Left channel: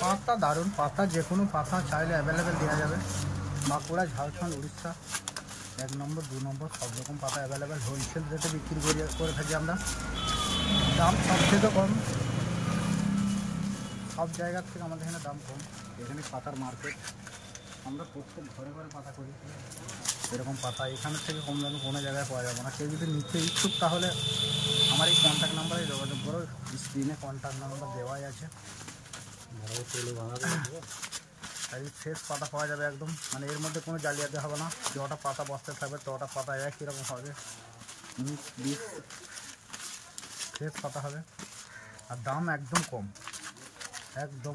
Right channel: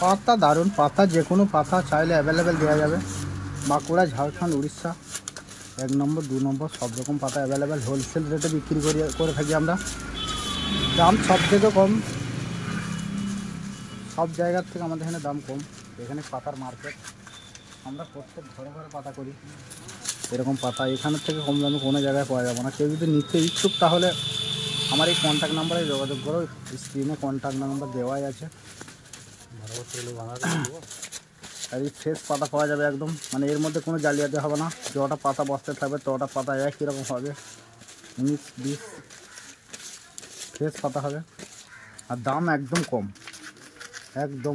পাতা দারুণ পাতা, যে কোনো পাতা চাইলে অ্যাভেলেবেল দেওয়া যাবে। বাঁকুড়া, ঝাড়খণ্ড, উড়িষ্যা 1 নম্বর 2 নম্বর সব রকম পাতা অ্যাভেলেবেল। হোলসেল রেটে বিক্রি করে থাকি আমরা। দাম সব থেকে কম, সব জায়গার থেকে আমাদের এখানে দাম কম। এখানে পাতার মার্কেট, আমরা প্রত্যেক ঘরে ঘরে পাতা করি। এরকম পাতা এখানের থেকে কম দামে কোনো জায়গায় পাওয়া যাবে না। কেউ যদি নিতে ইচ্ছুক তাহলে আমার এই কন্ট্যাক্ট নাম্বারে যোগাযোগ করো। স্ক্রিনে কন্ট্যাক্ট নাম্বার দেওয়াই আছে। আর এই ফ্রেশ পাতা পাওয়া যাবে একদম, মানে এর মধ্যে কোনো জালিয়াতি হবে না। যটা পাতা বস্তে থাকবে তটা পাতা একই রকম হবে, মিক্স বিষ ফ্রেশ পাতা হবে। আর দাম একদম কম, একদম।